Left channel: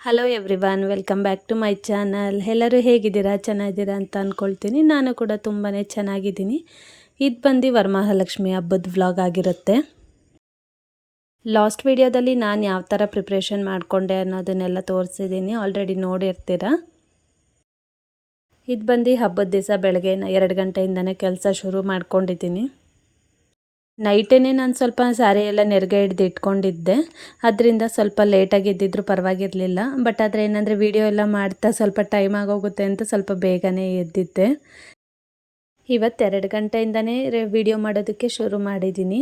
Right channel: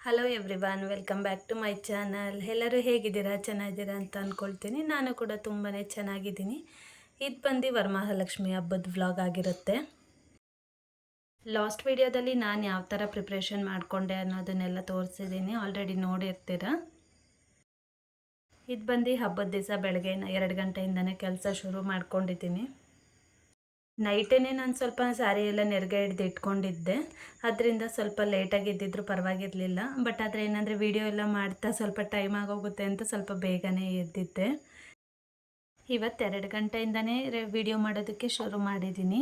Hello everyone welcome back to my channel ಎಲ್ಲರೂ ಹೇಗಿದ್ದೀರಾ? ಚೆನ್ನಾಗಿದ್ದೀರಾ ಅಂತ ಅಂದ್ಕೊಳ್ತೀನಿ ನಾನು ಕೂಡ ತುಂಬಾ ಚೆನ್ನಾಗಿದ್ದೀನಿ. ಇದು ಬಂದು ವರಮಹಾಲಕ್ಷ್ಮಿ ಹಬ್ಬದ ವ್ಲಾಗ್ ಆಗಿರುತ್ತೆ. ಲಾಸ್ಟ್ ವಿಡಿಯೋದಲ್ಲಿ ನಾನು ಯಾವ ಥರ ಪ್ರಿಪ್ರೇಷನ್ ಮಾಡಿಕೊಂಡೆ ಅನ್ನೋದನ್ನೆಲ್ಲ ತೋರಿಸಿದ್ದೀನಿ. ಆಲ್ರೆಡಿ ನೋಡಿರ್ತೀರ? ಇದು ಬಂದು ಹಬ್ಬದ ದಿವಸ ಬೆಳಗ್ಗೆ ಎರಡು ಗಂಟೆಯಿಂದನೇ ಕೆಲಸ ಶುರು ಮಾಡ್ಕೊಂಡಿದ್ದೀನಿ. ನೈಟೇ ನಾನು ಸ್ವಲ್ಪ ಸ್ಯಾರಿ ಎಲ್ಲ ನೆರಿಗೆ ಹಿಡ್ದು ಇಟ್ಕೊಂಡಿದ್ದೆ. ಅದರಿಂದ ಸ್ವಲ್ಪ ಲೇಟಾಗಿ ಇದ್ದಿದ್ರು ಪರವಾಗಿರಲಿಲ್ಲ. ಬಟ್ ಆದರೆ ಏನಂದರೆ ವೀಡಿಯೋ ಎಲ್ಲ ಮಾಡ್ತಾ ಸ್ವಲ್ಪ ಟೈಮ್ ಆಗೋಗುತ್ತೆ ಅಂತ ಸ್ವಲ್ಪ ಬೇಗನೆ ಎದ್ದಿದ್ದೆ. ಇವತ್ತು ಎರಡು ಗಂಟೆಯಿಂದನೇ ವಿಡಿಯೋ ಮಾಡೋದಕ್ಕೆ ಶುರು ಮಾಡಿದ್ದೀನಿ.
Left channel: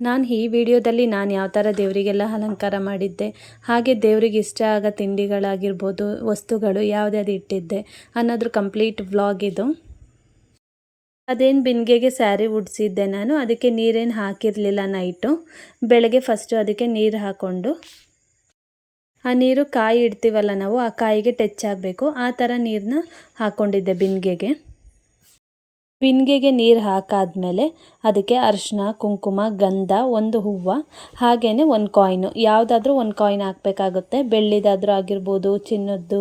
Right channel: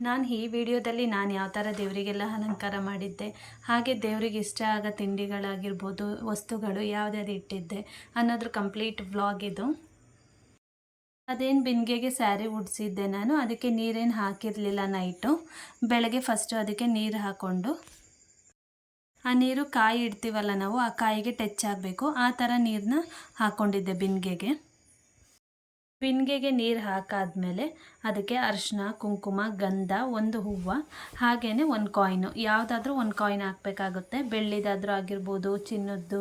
ನಾನು ಈ ವಿಡಿಯೋದಲ್ಲಿ ನಾನು ಯಾವ ಥರ ದೇವರಿಗೆಲ್ಲ ಅಲಂಕಾರ ಮಾಡಿದ್ದೆ, ಹಾಗೆ ದೇವರಿಗೆ ಇಷ್ಟ ಆಗೋ ತಿಂಡಿಗಳಾಗಿರ್ಬೋದು, ವಸ್ತುಗಳು ಯಾವುದ್ಯಾವುದು ಇಟ್ಟಿದ್ದೆ ಅನ್ನೋದ್ರ ಕಂಪ್ಲೀಟ್ ವ್ಲಾಗ್ ಇದು. ಅದೇನು ಬಿಂದಿಗೆಗೆ ಸ್ಯಾರಿ ಉಡಿಸಿದ್ದೆ ನಾನು, ಅದಕ್ಕೆ ನೀರೇನು ಹಾಕಿರಲಿಲ್ಲ ನೈಟು. ಬೆಳಗ್ಗೆ ಫಸ್ಟು ಅದಕ್ಕೆ ನೀರು ಹಾಕ್ಕೊಂಡು ಆ ನೀರು ಕಾಯಿ ಇಡ್ತೀವಲ್ಲ ನಾವು, ಆ ಕಾಯಿಗೆ ಟಚ್ ಆಗಬೇಕು. ಆ ಥರ ನೀರನ್ನ ಹಾಕ್ಕೊಂಡಿದ್ದೆ ಬಿಂದಿಗೆಗೆ ಬಿಂದಿಗೆಗೆ ನೀರು ಹಾಕಾದಮೇಲೆ ಅದಕ್ಕೆ ಅರಿಶಿನ ಕುಂಕುಮ, ಗಂಧ, ಒಂದು ಹೂವು ಹಾಗೆಯೇ ಒಂದು ಕಾಯಿನು ಯಾವುದಾದ್ರೂ ಒಂದು ಕಾಯಿನ್ ಹಾಕಬೇಕಾಗುತ್ತೆ. ಬೆಳ್ಳಿದಾದರೂ ಆಗಿರ್ಬೋದು, ಚಿನ್ನದ್ದು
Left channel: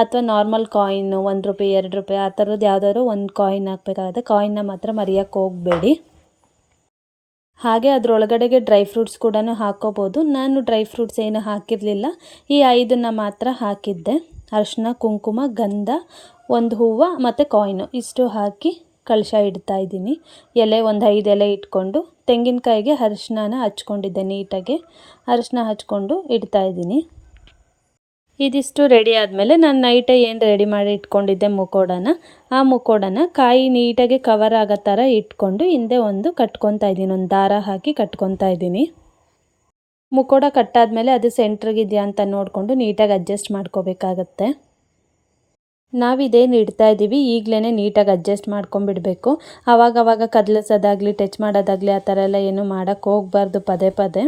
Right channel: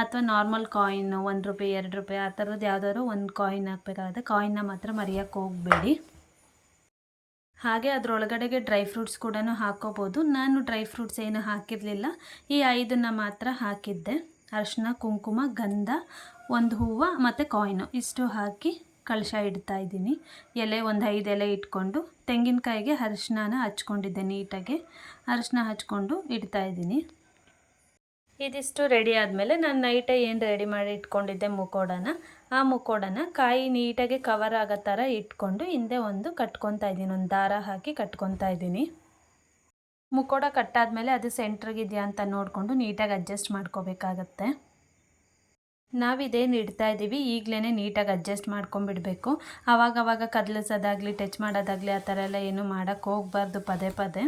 ಅಥವಾ ನಾರ್ಮಲ್ ಕಾಯಿನು ಒಂದು ರೂಪಾಯಿ, ಎರಡು ರೂಪಾಯಿ, ಆ ಥರದ್ದು ಯಾವುದಾದ್ರೂ ಒಂದು ಕಾಯಿನ್ ಹಾಕಬೇಕಾಗುತ್ತೆ. ಕಾಯಿನ್ನ ಮಾತ್ರ ಮರೆಯೋಕ್ಕೆ ಹೋಗಬೇಡಿ. ಹಾಗೆ ಅದರೊಳಗಡೆಗೆ ಡ್ರೈ ಫ್ರೂಟ್ಸ್ ಕೂಡ ಹಾಕೋಬೋದು. ನಾನು ಡ್ರೈ ಫ್ರೂಟ್ಸ್ ಏನು ಹಾಕಿರಲಿಲ್ಲ. ಈ ಐದನ್ನು ಮಾತ್ರ ಹಾಕಿದ್ದೆ. ಅರಿಶಿನ ಕುಂಕುಮ, ಗಂಧ, ಒಂದು ಹೂವು ಮತ್ತು ಕಾಯಿನು ಇಷ್ಟು ಹಾಕಿ ಕಳಶ ಇಡ್ತಾ ಇದ್ದೀನಿ. ಎಲೆ ಒಂದು ಐದು ಎಲೆ ಇಟ್ಕೊಂಡು ತೆಂಗಿನಕಾಯಿಗೆ ಅರಿಶಿನ ಹಚ್ಕೊಂಡಿದ್ದೆ ನೀಟಾಗಿ. ಅರಿಶಿನ ಹಚ್ಕೊಂಡು ಇಡ್ತಾ ಇದ್ದೀನಿ. ಇದಿಷ್ಟು ರೆಡಿ ಆದಮೇಲೆ ನಾನು ನೈಟೇ ಏನು ರೆಡಿ ಮಾಡಿ ಇಟ್ಕೊಂಡಿದ್ದೆ ಮುಕೋಡನ ಆ ಮುಕೋಡನ ಕಾಯಿ ನೀಟಾಗಿ ಕವರ್ ಆಗೋ ಥರ ಇಟ್ಕೊಂಡು ಹಿಂದೆ ಒಂದು ಕಟ್ಕೊತಾ ಇದ್ದೀನಿ, ಒಂದು ದಾರ ಹಾಕಿ ಕಟ್ಕೊತಾ ಇದ್ದೀನಿ. ಮುಕೋಡ ಕಟ್ಟಾದಮೇಲೆ ಅದು ಸೆಂಟ್ರಿಗಿದೆಯಾ ಅಂತ ನೋಡಿಕೊಂಡು ನೀಟಾಗಿ ಅಡ್ಜಸ್ಟ್ ಮಾಡ್ಕೋಬೇಕಾಗತ್ತೆ. ನಾವಿದೇನು ಇಡ್ತಾ ಇದ್ದೀವಿ. ಈಗಲೇ ನೀಟಾಗಿ ಅಡ್ಜಸ್ಟ್ ಮಾಡ್ಕೊಂಬಿಡಬೇಕು ಆವಾಗವಾಗ ಕದಲಿಸೋದಾಗಲಿ ಟಚ್ ಮಾಡೋದಾಗಲಿ, ಆ ಥರ ಎಲ್ಲ ಏನು ಮಾಡೋಕ್ಕೆ ಹೋಗ್ಬಾರ್ದು ಪದೇ ಪದೇ.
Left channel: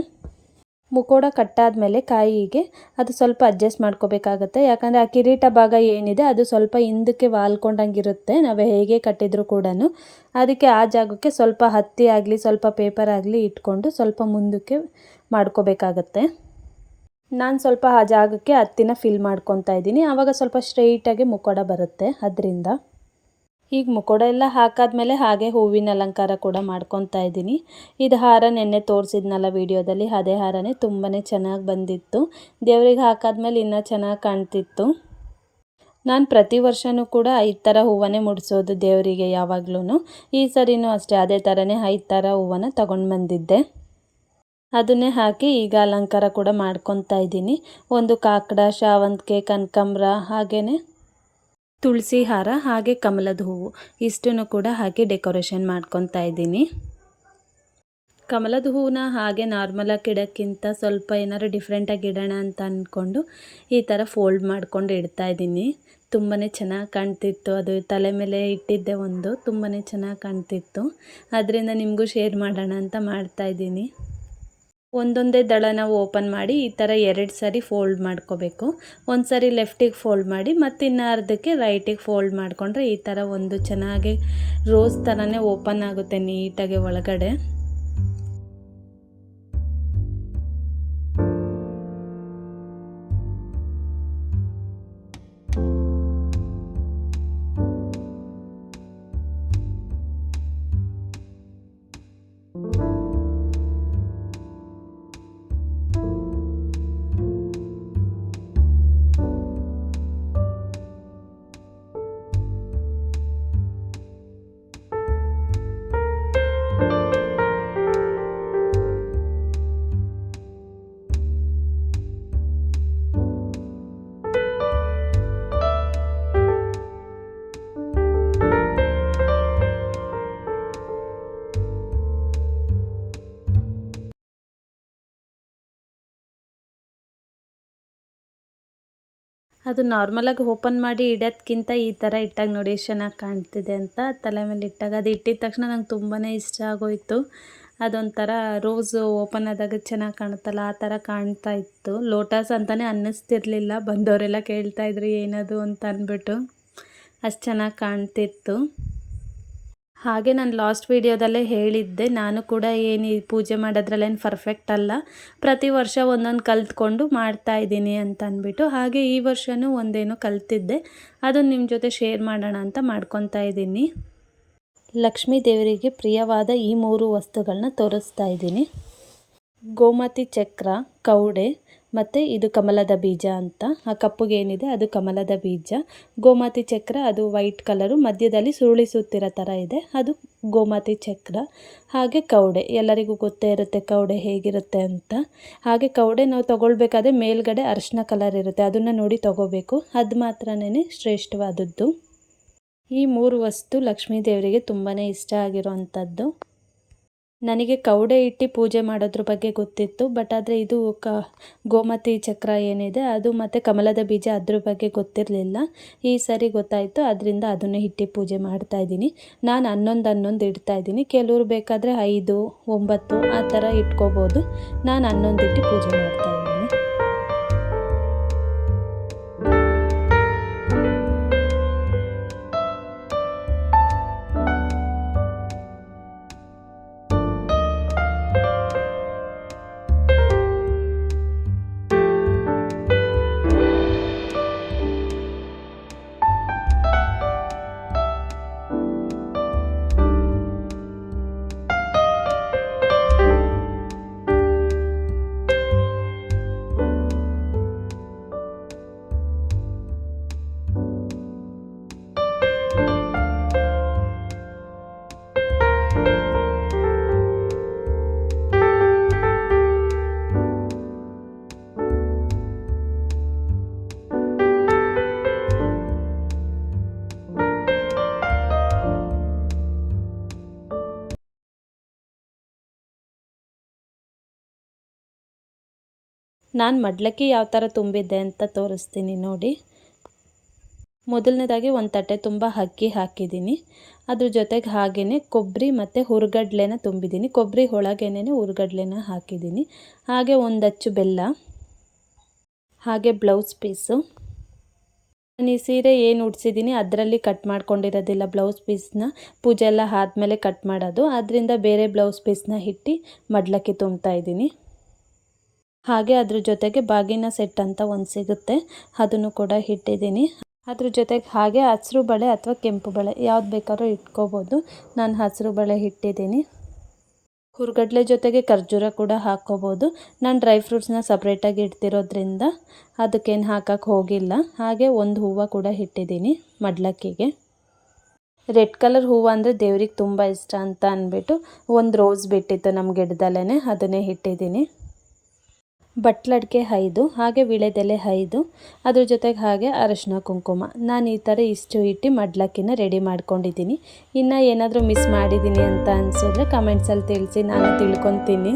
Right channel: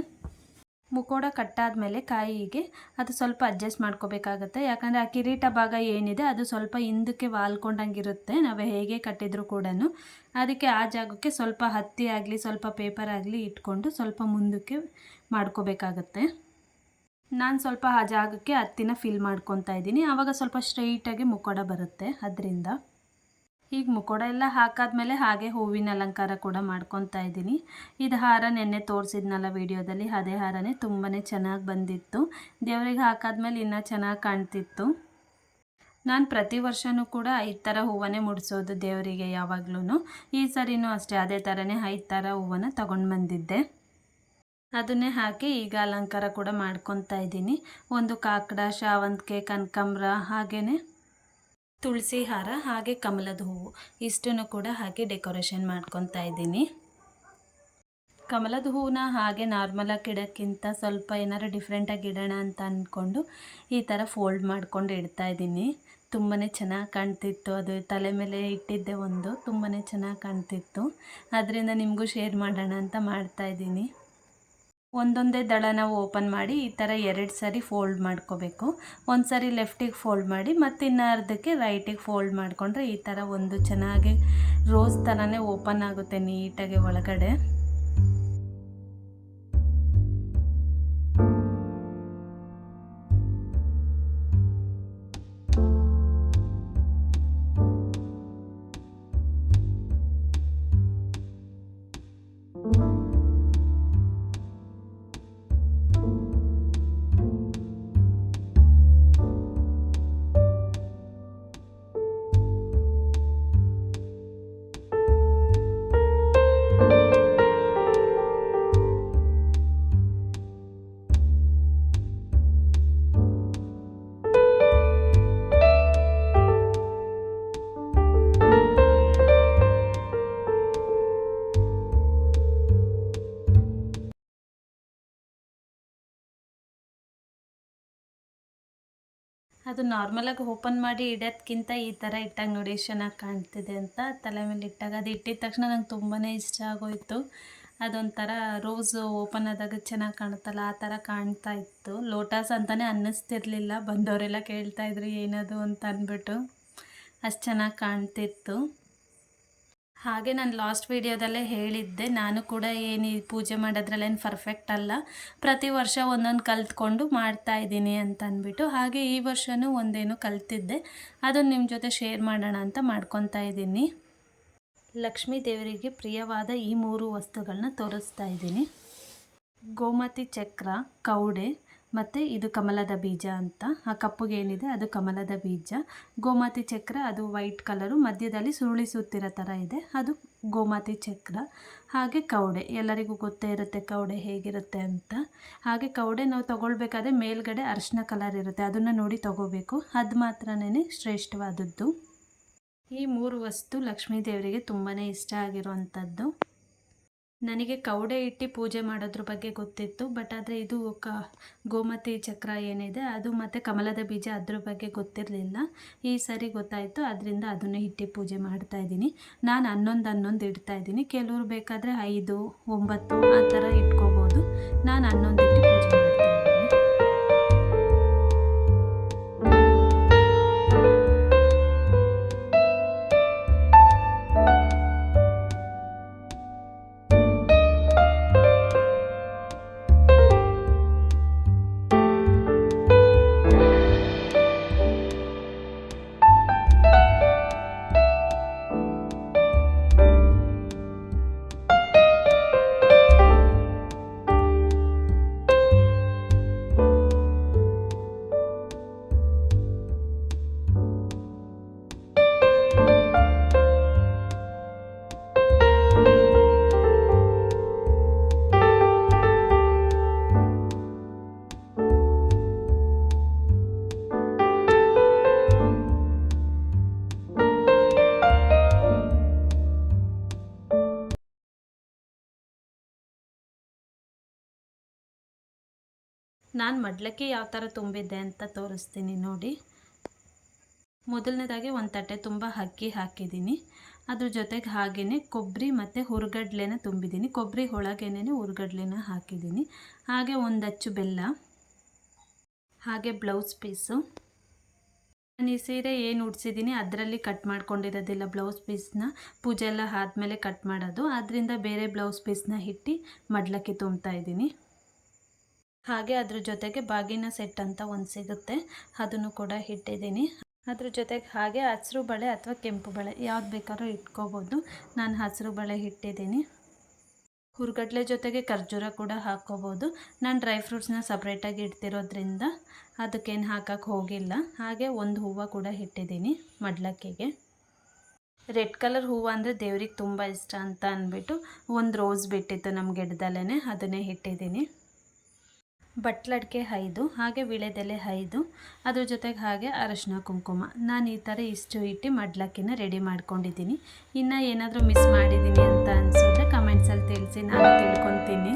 ಮುಕೋಡ ಕಟ್ಟಾದಮೇಲೆ ಕಾಯಿಗೆ ಅದು ಸ್ವಲ್ಪ ಅಡ್ಜಸ್ಟ್ ಮಾಡ್ಕೋಬೇಕಾಗತ್ತೆ. ಯಾಕಂದರೆ ಆ ಕಿರೀಟ ಭಾಗ ಏನಿದೆ, ಅದು ಸ್ವಲ್ಪ ಹಿಂದಕ್ಕೆ ವಾಲ್ಕೊಂಡಂಗಿರುತ್ತೆ. ನಾವು ಹೇಗೆ ಕಟ್ಟಿದ್ರು ಕೂಡ ಅದಕ್ಕೆ ಆ ಜಾಗಕ್ಕೆ ಸ್ವಲ್ಪ ಹತ್ತಿ ಆಗಲಿ, ಸ್ವಲ್ಪ ಪೇಪರ್ ಆಗಲಿ ಇಟ್ಕೊಂಡು ಸ್ವಲ್ಪ ಮುಂದಕ್ಕೆ ಮಾಡ್ಕೋಬೇಕಾಗತ್ತೆ. ನಾನು ಸ್ವಲ್ಪ ಆ ಜಾಗಕ್ಕೆ ಹತ್ತಿನ ಫಿಲ್ ಮಾಡ್ಕೊತಾ ಇದ್ದೀನಿ. ಆವಾಗ ಸ್ವಲ್ಪ ಸ್ಟ್ರೈಟಾಗಿ ಮುಖೋಡ ಬರುತ್ತೆ ಅದರಿಂದ. ಈಗ ಮುಖೋಡ ಎಲ್ಲ ಹಾಕಾದ್ಮೇಲೆ ಹಾಗೆ ಹೂವಿನ ಅಲಂಕಾರ ಕೂಡ ಮಾಡ್ಕೊತಾ ಇದ್ದೀನಿ. ಇದು ಹಾರ ನೆನ್ನೆ ತೋರಿಸಿದ್ನಲ್ಲ ವಿಡಿಯೋದಲ್ಲಿ, ಅದೇ ಹಾರನೇ ತುಂಬಾ ಚೆನ್ನಾಗಿ ಬಂದಿತ್ತು. ದೇವರಿಗೆ ಹಾಕಾದ್ಮೇಲೆ ಇನ್ನೂ ಚೆನ್ನಾಗಿ ಕಾಣ್ತಿತ್ತು. ನಾನು ಪ್ರತಿ ವರ್ಷವೂ ಕೂಡ ಐದು ಥರ ಹೂವನ್ನೇ ಮುಡಿಸೋದು ದೇವರಿಗೆ ಯಾವಾಗ್ಲೂ ಈ ಸರಿನೂ ಅಷ್ಟೇ, ಅದೇ ಥರನೇ ಐದು ಥರ ಹೂವನ್ನು ತಗೊಂಡು ಬಂದಿದ್ದೆ. ಅದನ್ನೇ ಹಾಕಿ ಈಗ ಅಲಂಕಾರ ಕೂಡ ಮಾಡ್ಕೊತಾ ಇದ್ದೀನಿ. ಒಂದು ಕಾಕಡ, ಶಾವಂತಿಗೆ, ಕನಕಾಂಬ್ರ ಹಾಗೆಯೇ ತುಳಸಿ ಹಾರ, ಹಾಗೆ ಕಮಲದ ಹೂವು. ಇಷ್ಟನ್ನು ಕೂಡ ಹಾಕಿ ಡೆಕೋರೇಷನ್ ಮಾಡ್ಕೊತಾ ಇದ್ದೀನಿ. ಕಮಲದ ಹೂವನ್ನ ಹಾಗೆ ನಾರ್ಮಲಾಗಿ ಇಡೋಕ್ಕಿಂತ ಸ್ವಲ್ಪ ಏನಾದ್ರು ಡಿಫ್ರೆಂಟಾಗಿ ಇಡೋಣ ಅಂತ ಅಂದ್ಕೊಂಡು ಈ ಥರ ಫೋಲ್ಡ್ ಮಾಡ್ಕೊಂಡು ಇಡ್ತಾ ಇದ್ದೀನಿ. ತುಂಬಾ ಚೆನ್ನಾಗಿ ಕಾಣ್ತಿತ್ತು. ಅದು ತಲೆ ಮೇಲೆ ಇಟ್ಟಿದ್ದೆ ಒಂದು ತುಂಬಾ ಚೆನ್ನಾಗಿ ಕಾಣ್ತಿತ್ತು. ಅದರಿಂದ ನಿಮಗೂ ಶೇರ್ ಮಾಡೋಣ ಅಂತ ಮಾಡ್ತಾಯಿದ್ದೀನಿ ಒಂದೊಂದೇ ದಳನ ಓಪನ್ ಮಾಡಿ ಈ ಥರ ಎರಡು ಸಾರಿ ಫೋಲ್ಡ್ ಮಾಡ್ಕೋಬೇಕು. ಒಂದು ಸಾರಿ ಲೆಫ್ಟಿಗೆ ಫೋಲ್ಡ್ ಮಾಡಿ ಮತ್ತು ಇನ್ನು ಅರ್ಧಕ್ಕೆ ರೈಟಿಗೆ ಫೋಲ್ಡ್ ಮಾಡಿಕೊಂಡ್ರೆ ಈ ಥರ ಒಂದು ಚೆನ್ನಾಗಿ ರೋಸ್ ಥರನೇ ಓಪನ್ ಆಗುತ್ತೆ ನೀಟಾಗಿ ಒಳಗಡೆ. ಅದು ನಾರ್ಮಲಾಗಿ ಓಪನ್ ಮಾಡಿ ಇಡೋದ್ಕಿಂತ ಈ ಥರ ಇಟ್ಟಾಗ ನೋಡಿ ಎಷ್ಟು ಚೆನ್ನಾಗಿ ಕಾಣ್ತಿದೆ ಅಂತ ತಲೆ ಮೇಲೆ ಇಟ್ಟಾಗ. ಅದು ಇಟ್ಟಿದ ತಕ್ಷಣ ನಂಗೆ ತುಂಬಾ ಇಷ್ಟ ಆಗೋಯಿತು. ಅದೊಂಥರ ರೋಸು ಓಪನ್ ಆದಾಗ ಚೆನ್ನಾಗಿ ಕಾಣುತ್ತಲ್ಲ, ಆ ಥರ ಕಾಣ್ತಾ ಇತ್ತು. ಲೋಟಸ್ ಅಂತಲೇ ಅನ್ನಿಸ್ತಿರ್ಲಿಲ್ಲ, ಬಂದವರೆಲ್ಲ ಕೇಳ್ತಾಯಿದ್ರು ಏನದು ಅಂತ ಅಂದ್ಬಿಟ್ಟು ಅಷ್ಟು ಚೆನ್ನಾಗಿ ಕಾಣ್ತಿತ್ತು. ಹಾಗೆ ನಾನು ಲಾಸ್ಟ್ ವೀಡಿಯೋದಲ್ಲೇ ಹೇಳಿದ್ದೆ, ನಾನು ಕೂಡ ಏನು ಈ ಪೂಜೆ ಮಾಡೋದ್ರಲ್ಲೇನು ಪರ್ಫೆಕ್ಟ್ ಅಲ್ಲ. ಪ್ರತಿ ವರ್ಷ ಒಂದೊಂದು ಕಲ್ತ್ಕೊಂಡು ಮಾಡ್ತಾ ಇದ್ದೀನಿ ಅಂತ ಅಂದ್ಬಿಟ್ಟು, ಹಾಗೆ ಈ ವರ್ಷವೂ ಒಂದೇನು ಕಲ್ತಿದ್ದೆ. ಅದನ್ನು ನಿಮ್ಮ ಜೊತೆ ಶೇರ್ ಮಾಡೋಣ ಅಂತ ಮಾಡ್ಕೊತಾ ಇದ್ದೀನಿ. ಲಕ್ಷ್ಮೀ ದೇವರಿಗೆ ಪ್ರಿಯವಾದ ಈ ಮೂರು ವಸ್ತುಗಳನ್ನ ತೋರಿಸ್ತಾ ಇದ್ದೀನಿ. ಗೋಮತಿ ಚಕ್ರ, ಕೌಡೆ ಮತ್ತು ಇದು ಕಮಲದ ಬೀಜ ಅಂತ. ಆ ಕಪ್ಪುಗೆ ಏನಿದೆ ಅದು ಕಮಲದ ಬೀಜ. ಗೋಮಾತಿ ಚಕ್ರ, ಅದು ವೈಟ್ ಕಲರು. ಮಧ್ಯದಲ್ಲಿ ಸುರುಳಿಸುತ್ತಿರೋ ಥರ ಇದೆ. ಅದು ಗೋಮಾತಿ ಚಕ್ರ. ಹಾಗೆ ಕೌಡೆ. ಎಲ್ಲರಿಗೂ ಗೊತ್ತೇ ಇರುತ್ತೆ ಕೌಡೆ ಹೇಗಿರುತ್ತೆ ಅಂತ. ಹಾಗೆ ಕೌಡೆ ನಾವು ತೊಗೊಳ್ಬೇಕಾದ್ರೆ ಮೇಲ್ಗಡೆ ಅರಿಶಿನ ಕಲರ್ ಇರುತ್ತೆ. ಅದನ್ನು ನೋಡಿ ತೊಗೋಬೇಕು. ಅದು ಮಾತ್ರನೇ ಶ್ರೇಷ್ಠವಾದದ್ದು. ಈ ಮೂರು ವಸ್ತು ಲಕ್ಷ್ಮೀ ದೇವರಿಗೆ ತುಂಬಾ ಇಷ್ಟ ಆಗಿರುವಂಥದ್ದು ನನಗೆ ಕೌಡೆ ಇಟ್ಟು ಪೂಜೆ ಮಾಡೋದ್ರ ಬಗ್ಗೆ ಗೊತ್ತಿತ್ತು ಬಟ್ ಆದರೆ ಇದು ಕ, ಗೋಮತಿ ಚಕ್ರ ಏನಿದೆ, ಅದು ಮತ್ತು ಕಮಲದ ಬೀಜ ಅದ್ರ ಬಗ್ಗೆ ಗೊತ್ತಿರಲಿಲ್ಲ. ಈ ಸರಿ ಗೊತ್ತಾಯಿತು, ಅದರಿಂದ ಅದನ್ನು ಇಟ್ಟು ಪೂಜೆ ಮಾಡ್ತಾಯಿದ್ದೀನಿ ನಾನು ಹನ್ನೊಂದು ಹನ್ನೊಂದು ಇಡ್ತಾಯಿದ್ದೀನಿ ಕೆಲವರು ಬೇಕಾದರೆ ಐದು, ಒಂಬತ್ತು, ಆ ಥರ ಇಟ್ಕೋಬೋದು. ನಾನು ಹನ್ನೊಂದು ಇಟ್ಟು ಪೂಜೆ ಮಾಡ್ತಾಯಿದ್ದೀನಿ ನಾನು ಮಡ್ಲಕ್ಕಿ ಯಾವ ಥರ ತುಂಬಿದ್ದೆ ಅಂತ ತೋರಿಸ್ತೀನಿ ನೋಡಿ. ಮೊದಲನೇದಾಗಿ ಒಂದು ತಟ್ಟೆ ತುಂಬ ಅಕ್ಕಿ ಹಾಕಿದ್ದೀನಿ. ಅದ್ರ ಜೊತೆಗೆ ಹಾಗೆಯೇ ಕೊಬ್ಬರಿ ಮತ್ತು ಹುರ್ಗಡ್ಲೆನ ತುಂಬಿದ್ದೀನಿ. ಕೊಬ್ಬರಿ ಒಳಗೇನೆ ಹುರ್ಗಡ್ಲೆನ ಹಾಕಿದ್ದೀನಿ. ಹಾಗೆ ಒಂದು ಅಚ್ಚು ಬೆಲ್ಲ, ಹಾಗೆ ಬ್ಲೌಸ್ ಪೀಸು. ನಾನು ಈ ಸೀರೆ ಏನು ಉಡ್ಸಿದ್ದೀನಿ ಅದರಲ್ಲಿ ಕಟ್ ಮಾಡ್ಕೊಂಡಿರೋದಿಲ್ಲ ಬ್ಲೌಸ್ ಪೀಸ್ನ. ಪೂಜೆ ಎಲ್ಲ ಆದಮೇಲೆ ಕಟ್ ಮಾಡೋದು. ಅದರಿಂದ ಬೇರೆ ಬ್ಲೌಸ್ ಪೀಸ್ನ ಇಟ್ಟು ಮಡ್ಲಕ್ಕಿ ತುಂಬ್ತಾ ಇದ್ದೀನಿ. ಹಾಗೆ ಅದ್ರ ಜೊತೆಗೆ ಬಾಗಿನ ಸೆಟ್ ಅಂತ ಒಂದು ಸಿಗುತ್ತೆ. ಅದನ್ನು ಕೂಡ ಇಟ್ಟಿದ್ದೀನಿ. ಅದ್ರ ಜೊತೆಗೆ ಹಾಗೆ ಹಸಿರು ಬಳೆ ಅಥವಾ ಕೆಂಪು ಬಳೆ ಯಾವ್ದು ಬೇಕಾದ್ರೂ ಇಟ್ಕೋಬೋದು. ನಾನು ಹಸಿರು ಬಳೆ ಇಟ್ಟಿದ್ದೀನಿ. ಹುರ್ಗಡ್ಲೆ ಜೊತೆಗೆ ಖರ್ಜೂರ ಕೂಡ ಹಾಕ್ಕೋಬೋದು. ನಾನು ಡ್ರೈ ಫ್ರೂಟ್ಸ್ನ ಸಪ್ರೇಟಾಗಿ ಇಡ್ತಿರೋದ್ರಿಂದ ಅದಕ್ಕೇನು ಹಾಕಕ್ಕೆ ಹೋಗಿಲ್ಲ. ಹಾಗೆ ಒಂದು ಹೂವು ಕೂಡ ಇಟ್ಟಿದ್ದೀನಿ ಮಡ್ಲಕ್ಕಿಗೆ. ರೆಡ್ ಕಲರ್ ಹೂವು ಅಂದರೆ ದೇವ್ರಿಗೆ ತುಂಬ ಇಷ್ಟ ಅಂತ ಅಂದ್ಬಿಟ್ಟು ಒಂದು ರೋಸ್ ಬಿಟ್ಟಿತ್ತು ನಮ್ಮ ಗಿಡದಲ್ಲೇ ಅದನ್ನೇ ಇಟ್ಟಿದ್ದೀನಿ. ಬಟ್ಲಡಿಕೆ ಐದು ಹಾಗೆ ವಿಳೆದೆಲೆ ಐದು ಅದ್ರ ಜೊತೆಗೆ ಹಾಗೆ ಅರಶಿನ ಕುಂಕುಮ. ನಾನು ಈ ಥರ ಇಷ್ಟು ಇಟ್ಟು ಮಡ್ಲಕ್ಕಿನ ರೆಡಿ ಮಾಡ್ಕೊಂಡಿದ್ದೀನಿ. ಇನ್ನು ಏನಾದರೂ ಮಿಸ್ ಮಾಡಿದ್ದೀನಿ ಅಂತ ಅನಿಸಿದ್ರೆ ಕಮೆಂಟ್ಸಲ್ಲಿ ತಿಳಿಸಿ, ನಾನು ತಿಳ್ಕೊತೀನಿ.